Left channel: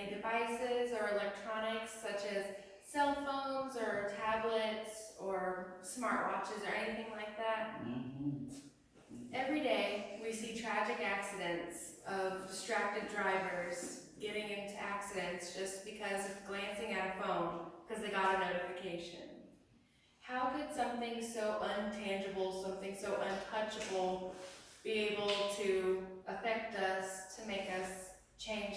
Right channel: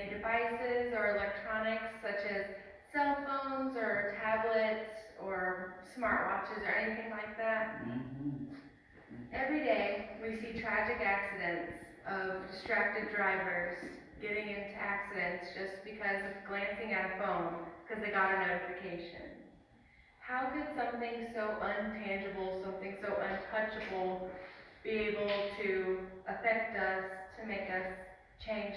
any devices or electronics such as cell phones or tablets or smartwatches or anything like that. Every day we see tragic accidents of distracted drivers getting into accidents just because of glancing at a phone because they got a notification. How could something so untangible, something so untouchable be able to affect us, to make us change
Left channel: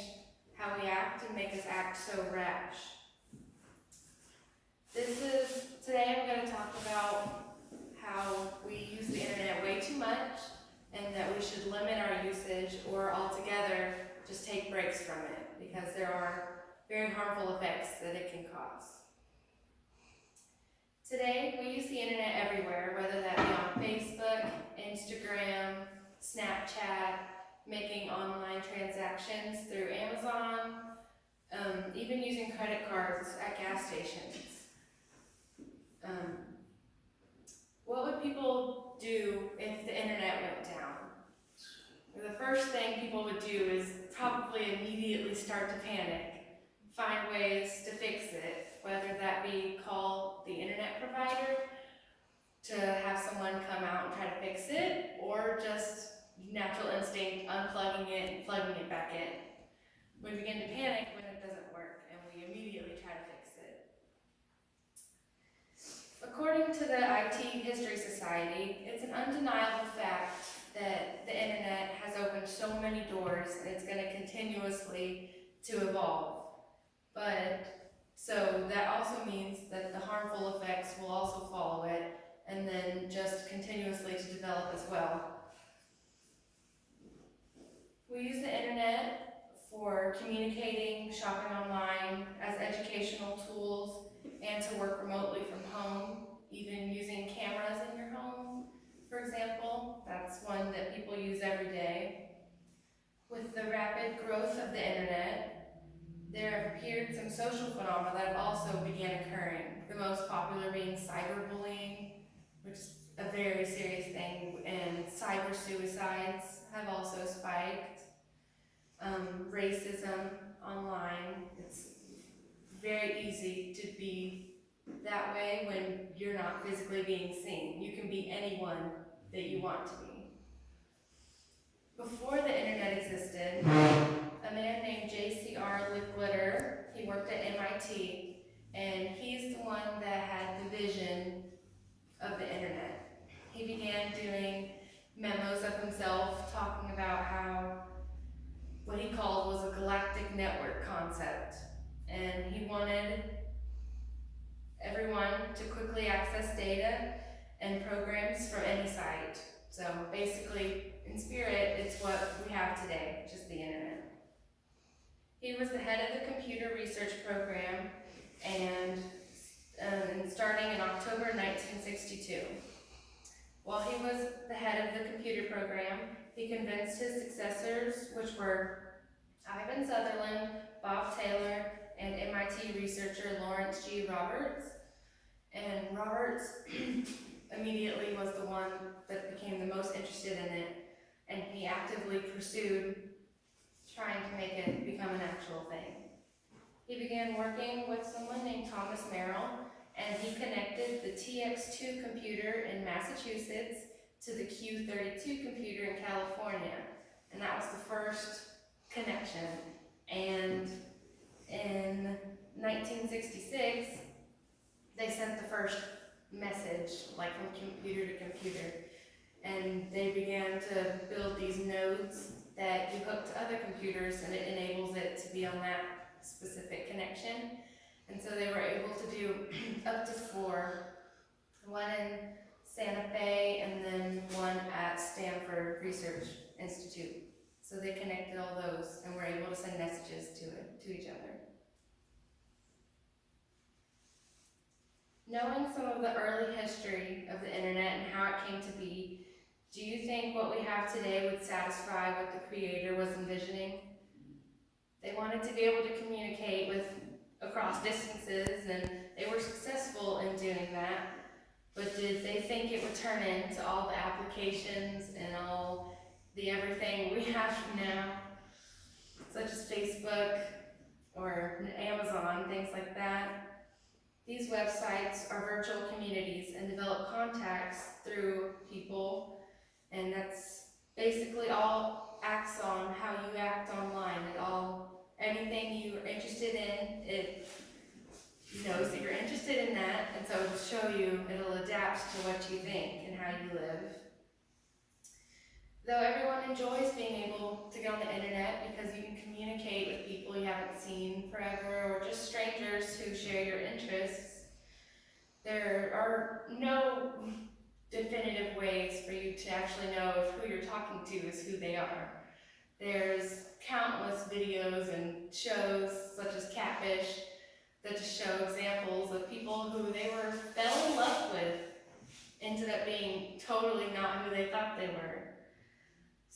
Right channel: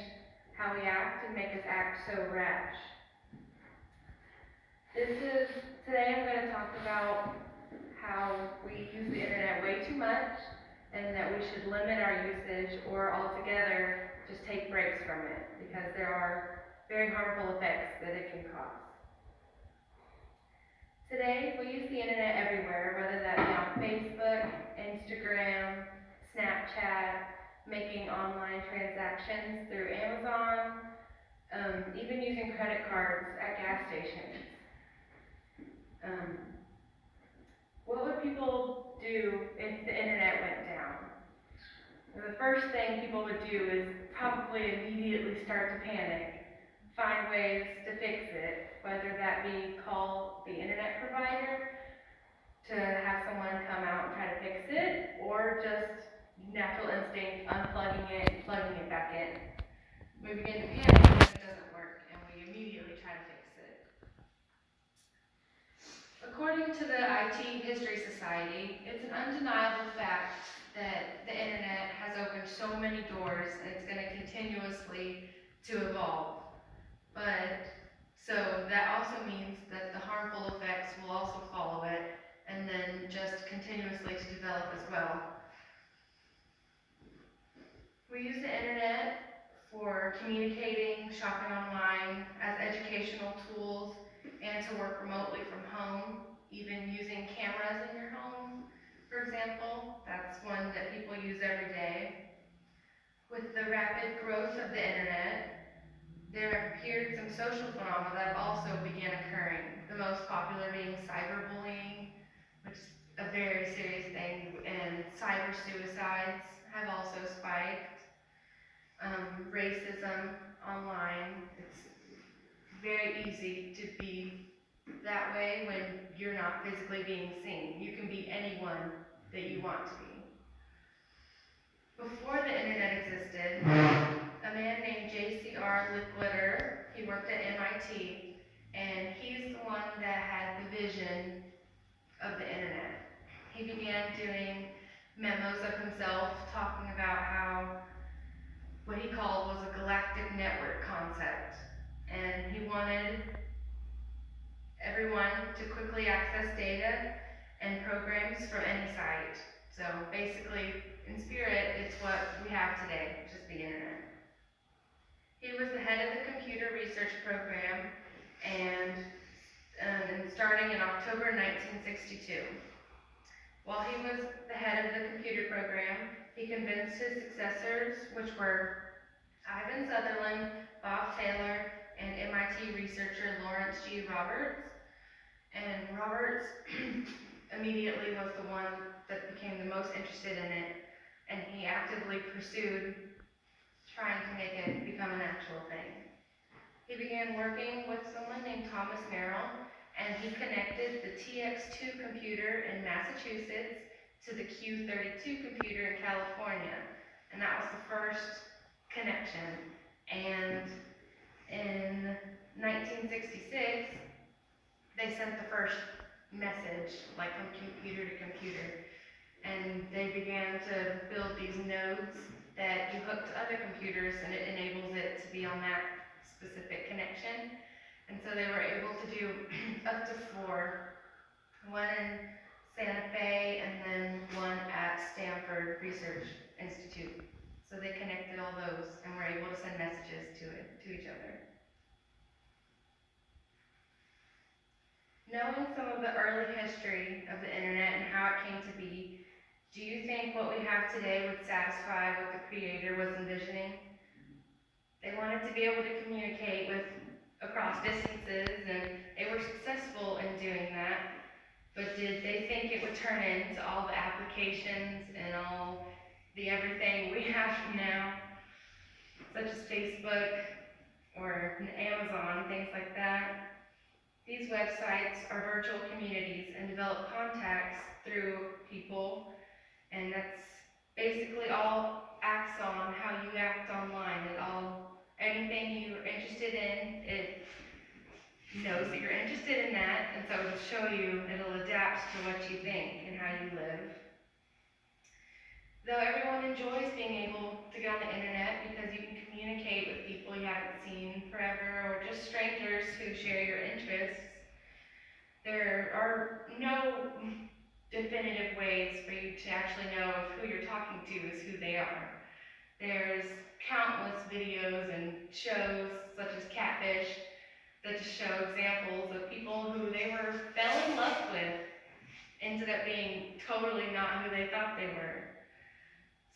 how we act and make us act so rash? Today I'm going to talk about how we use the internet way too much and that we should limit our usage or altogether just take breaks from it because there are very harmful effects that it can cause. Today we use the internet everywhere, whether that be on Facebook, Instagram, Snapchat, making online transactions through Amazon, even using credit cards at gas stations. What would people do if the internet went down? Well, the first thing people would do is probably immediately start to panic, find ways to fix it, whether that be call the internet provider to have someone come out and try to fix it, or just natural instinct, unplugging it and plugging it back in. We begin to panic when it doesn't work, and we immediately try to fix it. According to the IT History Society, it's an undeniable fact that the internet has opened so many doors and it's going to continuously to evolve. So that also means that the harmful effects will also follow it and then just continuously to develop as well. We use the internet for communicating, shopping online, as educational tools, and to work remotely from home, even using cameras in your home, for example. That's one that people use every day. With the rapid growth of the internet, there have appeared some social phenomena that have also begun occurring. The most popular being cyberbullying, which is a very serious thing, and cyber suicides have also spiked. Racism online, it's very easy to be that way when you're not physically being seen. You can be anyone that you want to be. Before the internet existed, a man named J.C.R. Licklider, he worked at MIT, and he's the one that had the vision of the internet. He began doing memos of himself talking about how what he called was a galactic network concept, and he wanted everyone to quickly access data and programs from any site. So basically, in spirit, it's what we have today, just the internet. He was the head of the computer research program and starting in October 1962. While he was the head of the computer program, he convinced his successors, which were Ivan Sutherland, Bob Taylor, and MIT researcher Lawrence G. Roberts. And Roberts immediately was the one that became the most interested in it, and he actively pursued trying to make it become an actual thing. He began working with someone named Thomas Merrill, and he connected the TX2 computer in Massachusetts to the Q32 computer in California, and that was the first connection. And in 1966, they sent the first message, like from computer to computer, and they began to build these nodes that you hook to other computers, and it enables it to be on that specific connection. And so they were able to do up to 4, one in Santa Fe and then one at Stanford Research Institute. So they connected all those and were able to send messages to each other. Knowing some of the early history of the internet and how it came to be, do you think what we have today would satisfy what the creator was envisioning? They wanted to be able to communicate across distances, and they were successful in doing that. But did they think it would turn into all the applications and all the everything we have now, such as Facebook, or Amazon, things like that. These websites are virtual communities and develop contacts through people, and that's basically all acts on how you act online. Anything you're interested in, it knows that you're interested in that, and so it'll show you, it'll adapt to what you think and how you live. Though everyone enjoys being able to get on the internet because you can communicate with people you haven't seen forever or just strangers who share your interests, there are no definitive ways for you to actually know if who you're talking to is who they are. There's countless videos and shows such as Catfish that just show examples of people who they fell in love with ended up being totally not who they thought they were.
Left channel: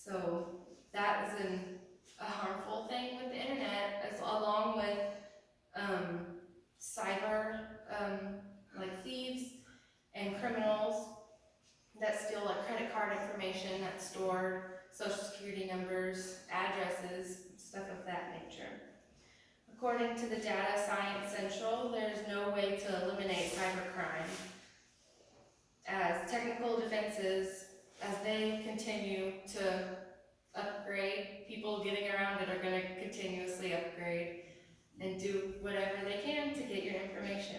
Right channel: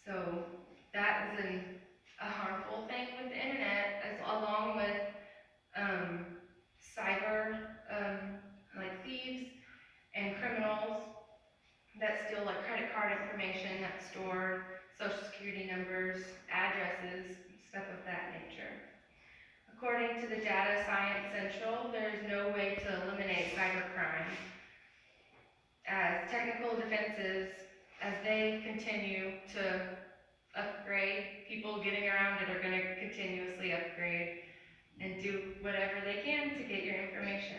So that is a harmful thing with the internet, as along with cyber, like thieves and criminals that steal like credit card information that's stored, social security numbers, addresses, stuff of that nature. According to the Data Science Central, there's no way to eliminate cybercrime, as technical defenses, as they continue to upgrade, people getting around it are going to continuously upgrade and do whatever they can to get your information.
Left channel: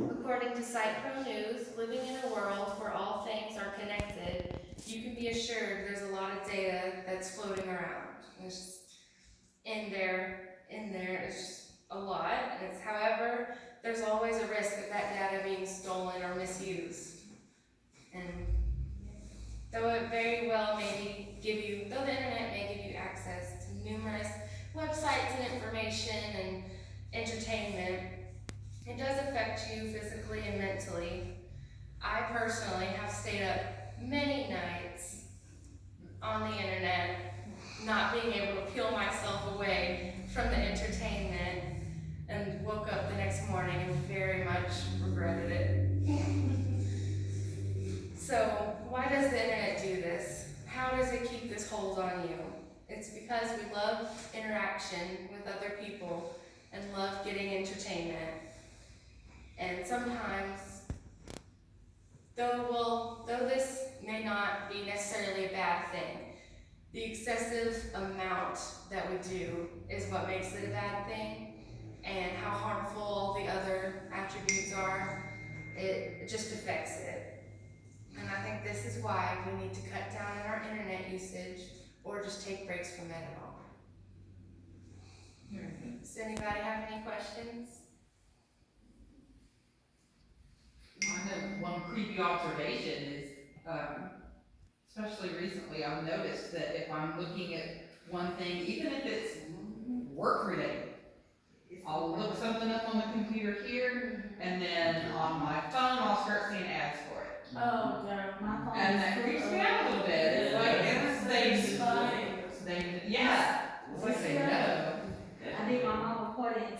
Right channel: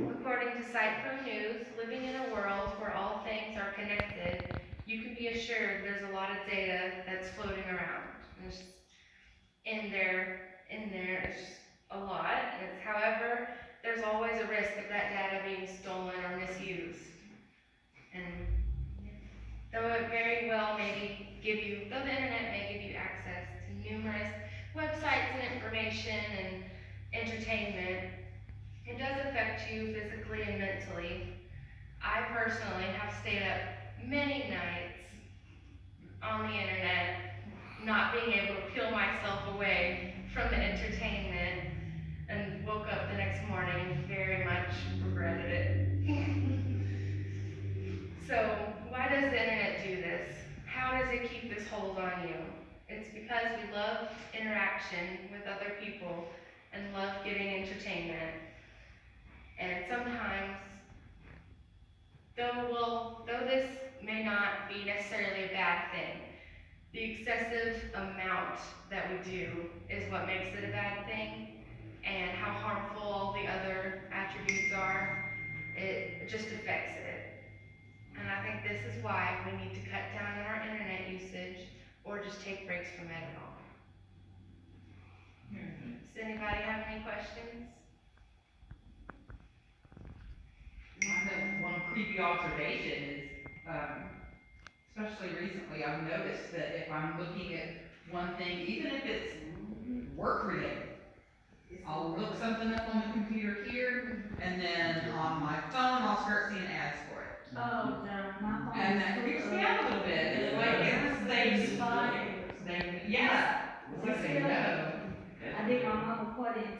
According to SitePro News, living in a world where all things are connected, you can be assured there's a lot of data that's floating around. It's just in there, it's just a lot. However, there's always a risk of that data being stolen or misused. And though it very well though the internet may give you access to numerous websites and information and entertainment, it does affect you physically and mentally. I personally have stayed up many nights on the internet, not being able to peel myself away from the entertainment, and woke up the next morning and very much regretted it. So why does the internet do this? How does it keep this hold on you? It's because we love interaction with other people and love getting entertainment. And sometimes, though this may not be necessarily a bad thing, the excessive amount that we do is what makes it a bad thing, and how harmful all the other attributes are, it just affects it. And I think this is why we need to cut down on our internet usage or just take breaks from it at all. Does anybody have any questions? I know one creepy observation is, especially recently, I've noticed that if I'm looking at one thing, even if it's work related, I'll look something up on the computer here, and then on my phone I'll start seeing ads for it. Oh, my phone. And that creeps me out a little bit. It's like they yeah. It's like they know. I did my mama party in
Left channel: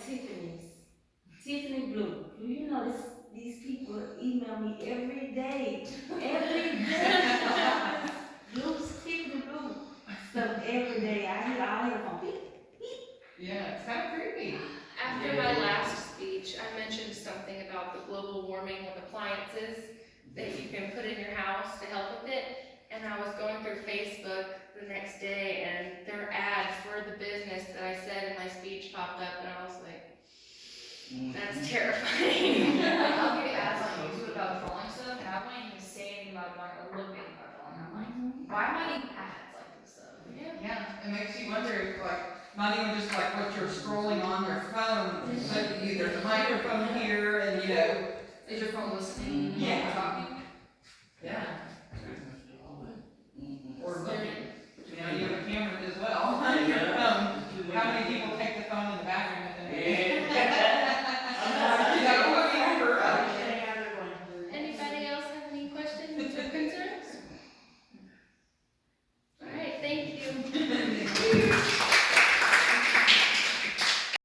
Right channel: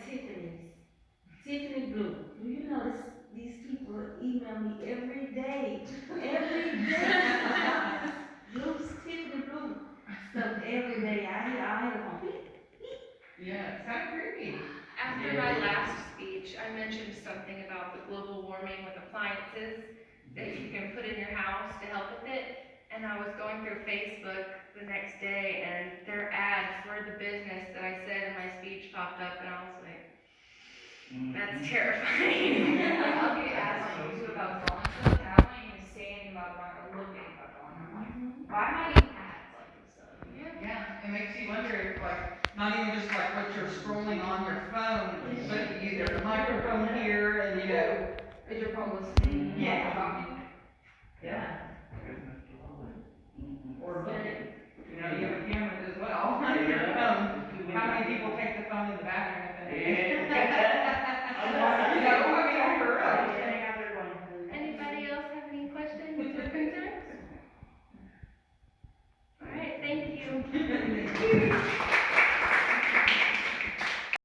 Tiffany Blue. Do you know these people email me every day? Every day. Tiffany Blue stuff every day. I hear from people. Yeah, it's kind of creepy. After my last speech, I mentioned something about the global warming with appliances that you can put in your house to help with it. And I was going through Facebook the next day, and their ad for the business that I said in my speech popped up, and I was like, that's terrifying. I'll get ads on YouTube about drawing stuff, and I won't even say anything about drawing or look anything about drawing. I'm like, why am I getting ads like this stuff? Yeah, it makes you wonder if, like, not even just like what you're scrolling on your phone, but there's a microphone here, and you know. Is your phone listening? Yeah. Talking? Yeah. Or looking. You know, you have a camera as well on your phone. How many people take the phone in the bathroom and then